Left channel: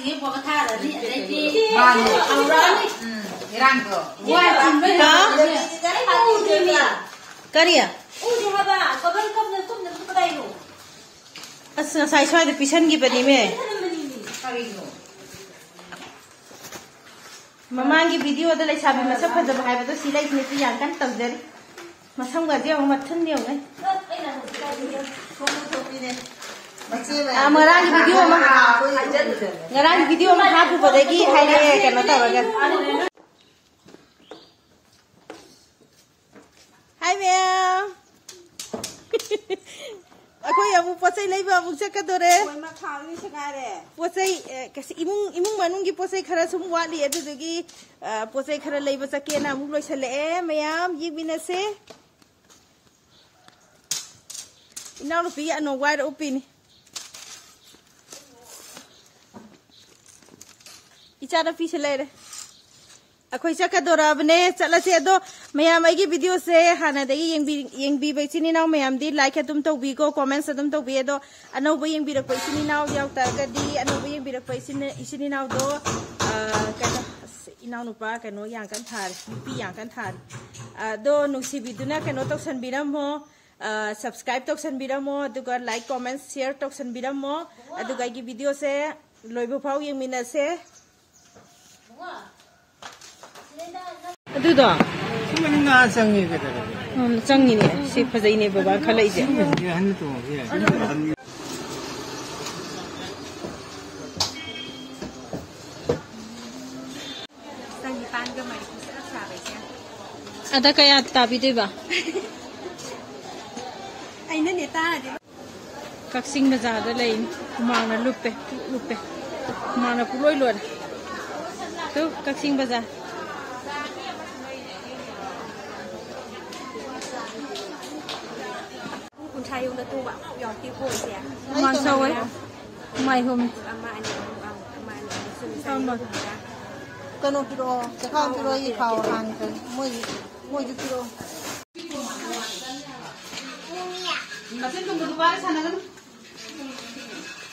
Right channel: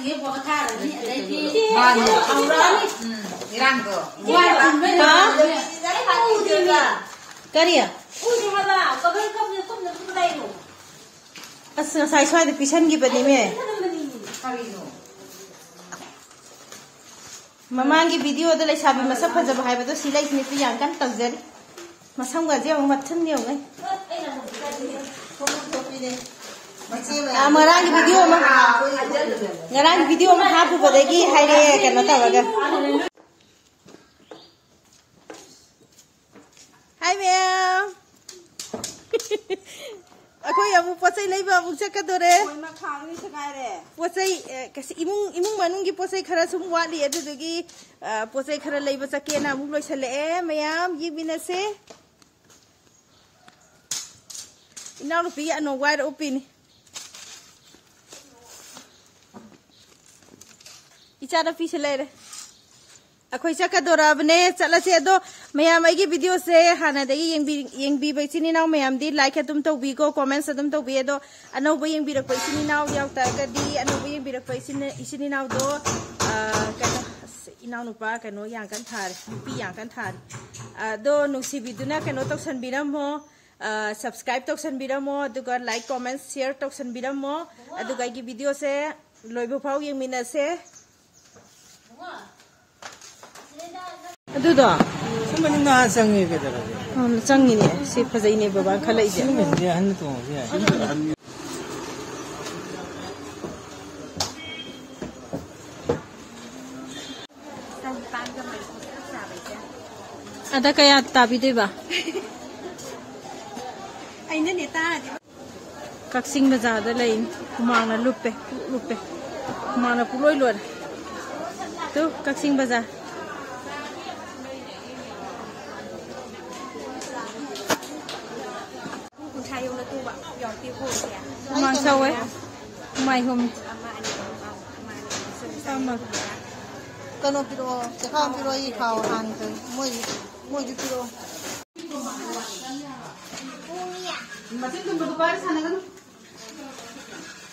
ये बहुत था रही करिया अस साई स्वाद पिसन की बनी में ममांगी वीडियो दे लेसाबी मसक फजब हाइबदो सिलाई निति यांकन तवजरी मसम गाजे मथन दियो नै मरांगी वीडियो में हाथ बदगी हाइरे कनो तवगा हाय मैम अखोई अबु पोसै लेबा अबु चकदोरे पोसै कसी इमुंग मनुंग की पोसै खरा सुम वाली अदुदगी पोसै खरा लेबा चकेना अमु लोइसले मैम ये बिनसे इनाउ रुपी अनो वाइर ओपिनी इचारा पीछे ले रे अखोई चकदोराबने चलसे अदो मैम आइगी वीडियो से हाना देगी येंबी बैचिनी नाउ मैम दी लाइक है तुम तो बी को कमेंट्स तुम तो बी दो अनोबो येंबी रख पैचिनी नाउ यावता गदी अनोबो येंबी रख पैचिनी नाउ दो कनो इनाउ नुपा कनो यांकन थार नुपी यांकन थार दो नुसिबिदुना कनो तोक्सन बिरमो सब्सक्राइब तोक्सन बिरमो दुगा लाइक कमेंट्स शेयर तोक्सन बिरमो दुगा की वीडियो से लोइबो फाउ येंमिना से अदुदो सुमना संगे के संगी ने से फजई ने बाबा खलै जे हन तो अदा कया ताबी देबा आइना ने तादे कक्सिंग बाजार दा लई मांगना लुप्पे मांगना पुलोय लोर तो कक्सिंग बाजार कनो पिरो खाओ पिरो ये खाओ हान कर मोई जो पिरो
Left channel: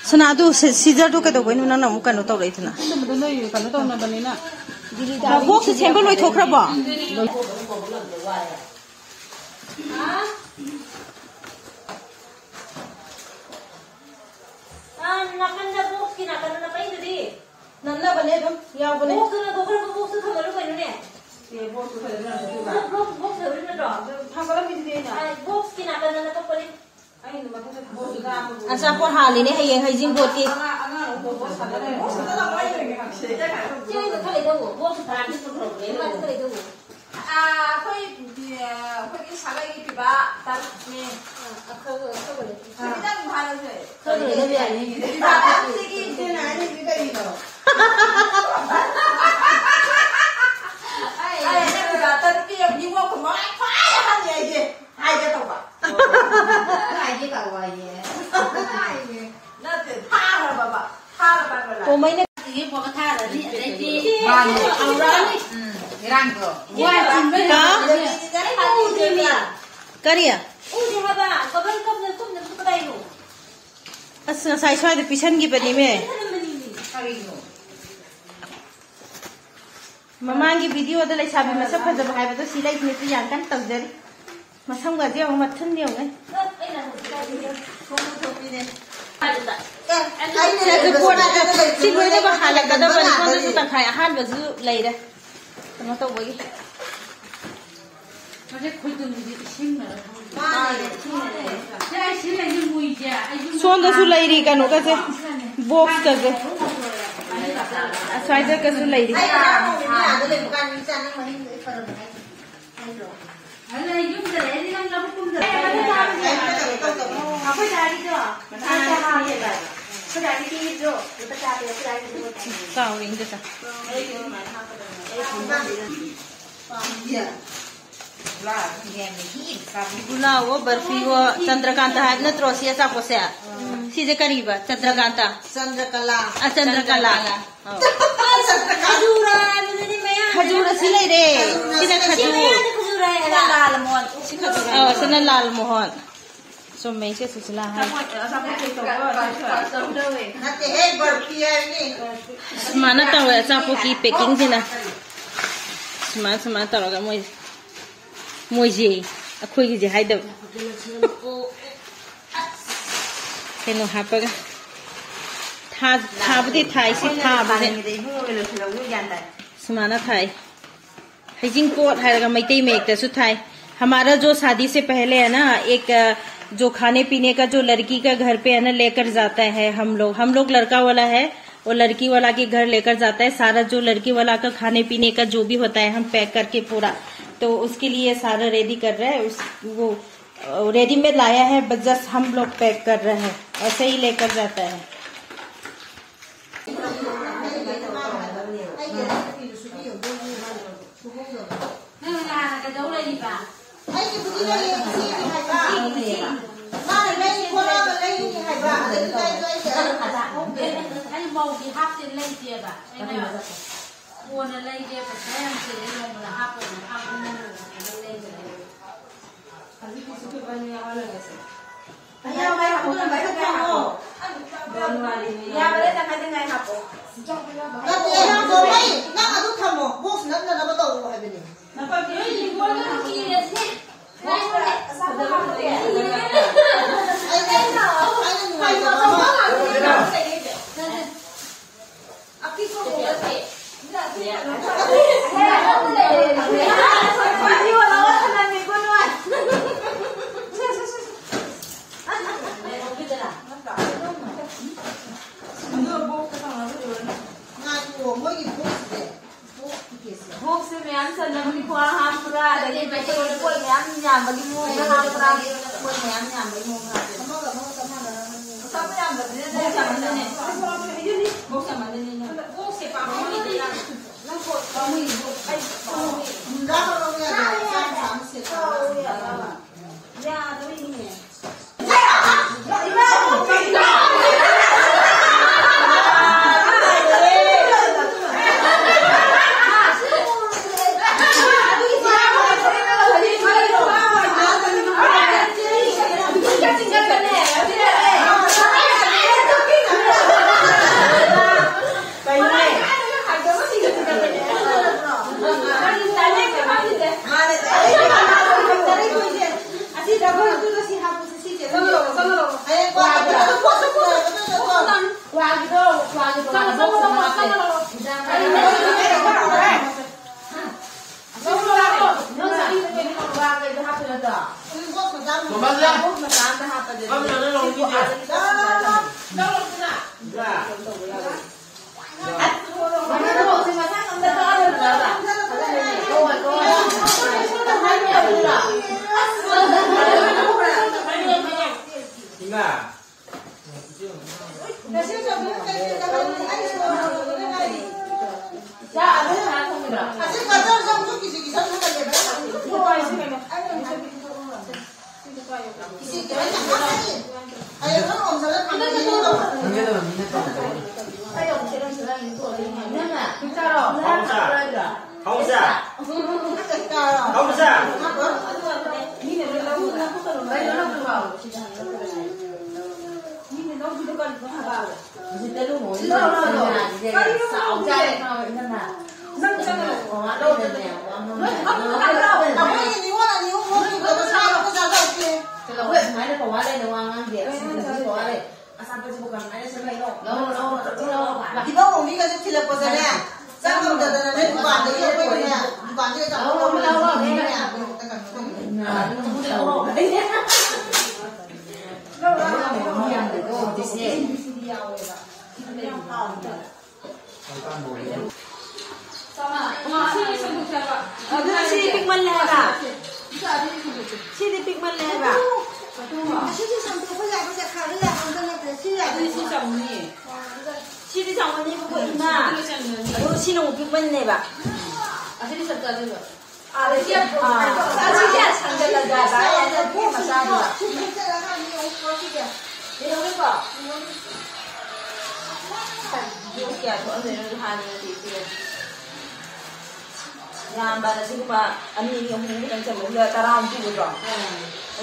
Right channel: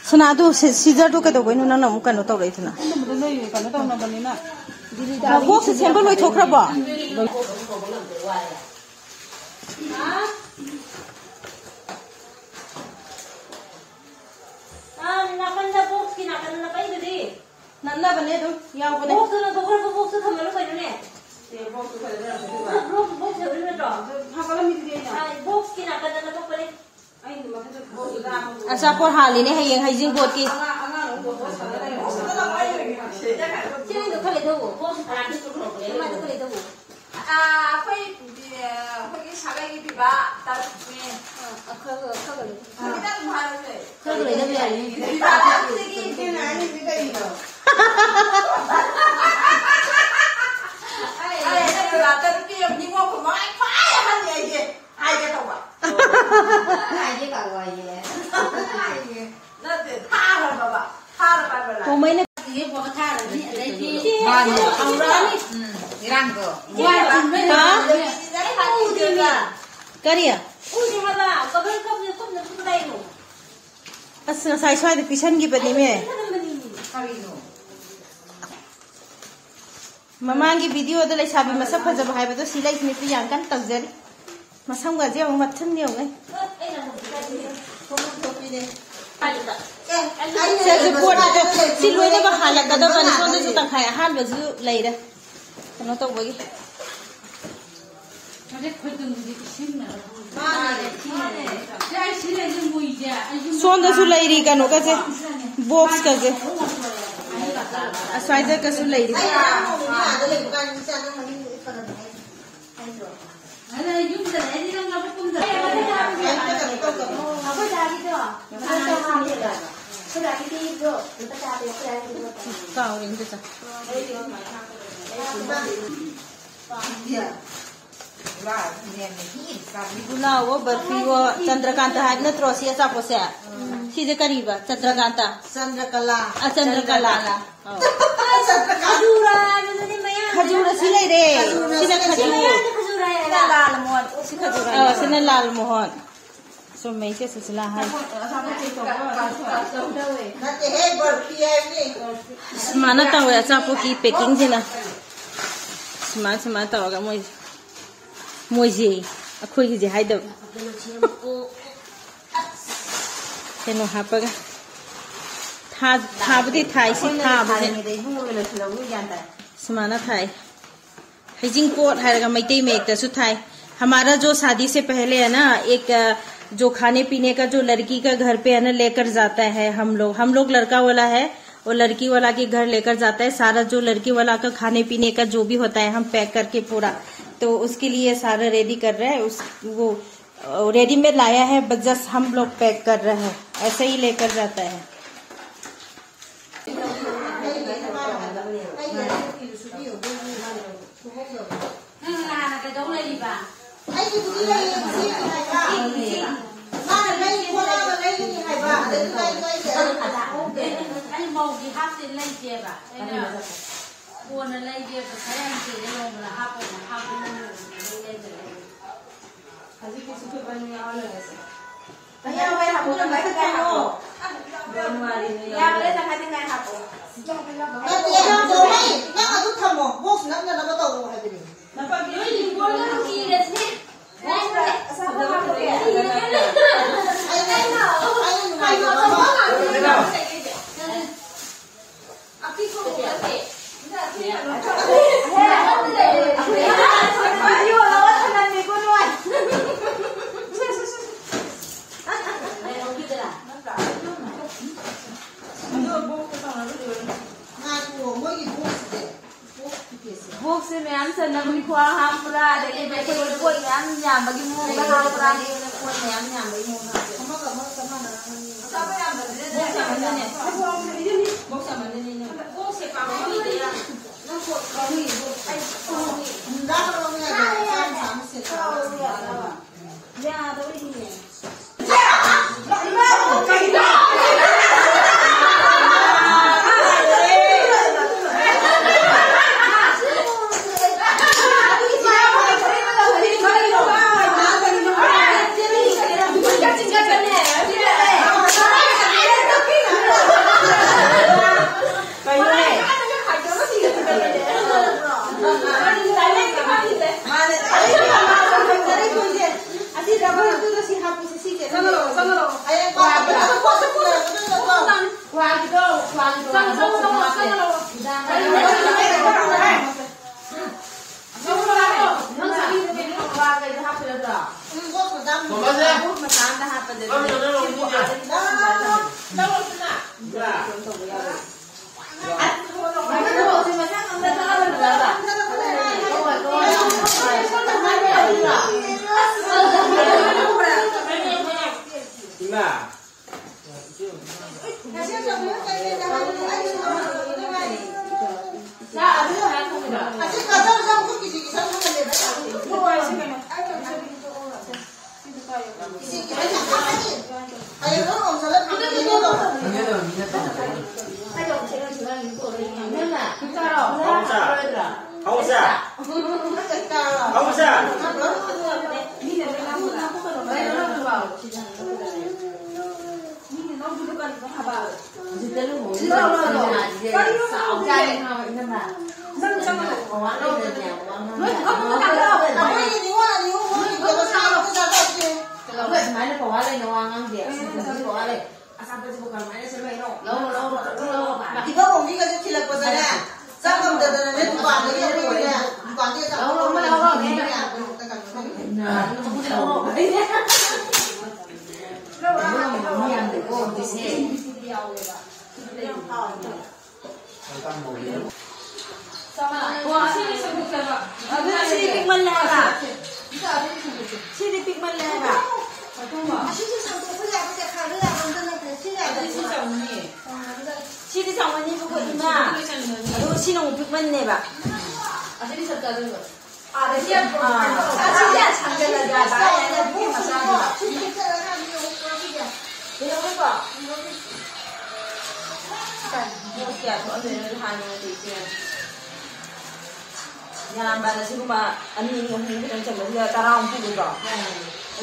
सनादो सीजर तो कदो बइनु नन अमु कनो तौरै थना बॉक्स सेंबल लोय थोखराबा नन्ना बने दो याव बने बॉक्स ना तो बॉक्स थमलो करूने ये बॉक्स थले ना बॉक्स थले ना भागला मिल बेना बॉक्स की नाटा ना तो परे आई न मथे बॉक्स दा अच्छा पर हाली ने है हाइजिंग बोर्ड की खले दो बॉक्स थाने तो खले दो कोई सागाई की पिबा तार में खले भाई से खले की नानी बिगड़ी दो अरे ना रात की अपनी वो को मैं फाया हन ये हाय के तो बा हाय के का ये ना ते था रे बाबा था रे बाबा तो मैंने ये बहुत था रे राम को करिया अस साई स्वाद पिसन की बनी में ममांगी वीडियो दे लेसाबी मसक फजब हाइबदो सिलाई निति यांकन तवजरी मसम गाजे मथन दियो नै सिलोइना बहाल कदा बनी सोंद सु तखाय हाल बजु लेरे कनो तो बगी मजे खुदुम दि सिंग ना सोंद सु लेरी कनो कजे बॉक्स कजे अस्वाइदर कसु लेरी अरे युम दे रे नम लब कुम दे अबे दादी तो दादी की जो बता दे काउरिंग दे ता गुलाव बर्फी वो चंद्रकांत है नत्रो सी ऐसा पोसे सीधे करीबा चंद्रकांता चंद्रकला खजूर सी ले रे सीना खजूर लाल मोहन सिना लाल Mohan So mấy cái sự là hay. Mà nó tao là sao cái packing gì nè. Mà tao là cái môi gì, khôi cái gì hay đâu. Cái nó hấp cái. Thà bữa thay xí thà bữa mà nó thay. Hay chính cốt hay là mấy tay mấy cái suốt thay. हमारा जो शादी से पहले है ना एक जो खाने पीने का जो लड़की का घर पे है ना लेकर जाता है हम लोग लड़का वाला है और लड़की वाला के घर लेकर जाता है सारा जो लड़की वाला का खाने पीने का जो भी होता है हम पैक करके पूरा तो उसके लिए सारा रेडी कर रहे हैं वो रेडीमेड लाया है बस जस्ट हम लोग पैक कर रहे हैं ऐसे ही लेकर जाता है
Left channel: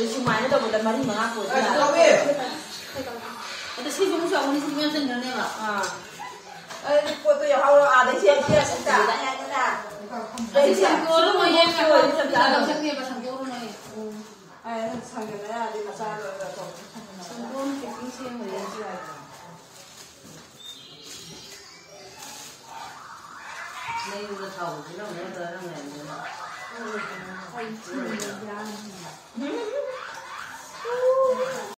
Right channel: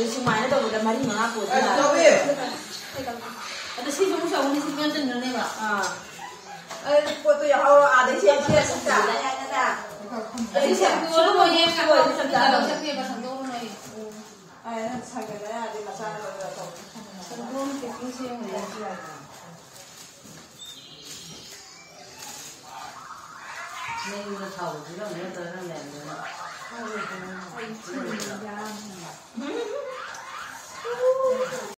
심하게 더보다 많이 나고. 근데 시중 우리 시중 좀 연애라. 그것도 하고 아들 제시에 진짜. 지금 뭐 얘기하고 있었다. 셰프가 상도로 해. 아예 상견례 아직 마찬가지로 또. 상도로 캠핑 시행을 해야지. 내일도 타고 그냥 내가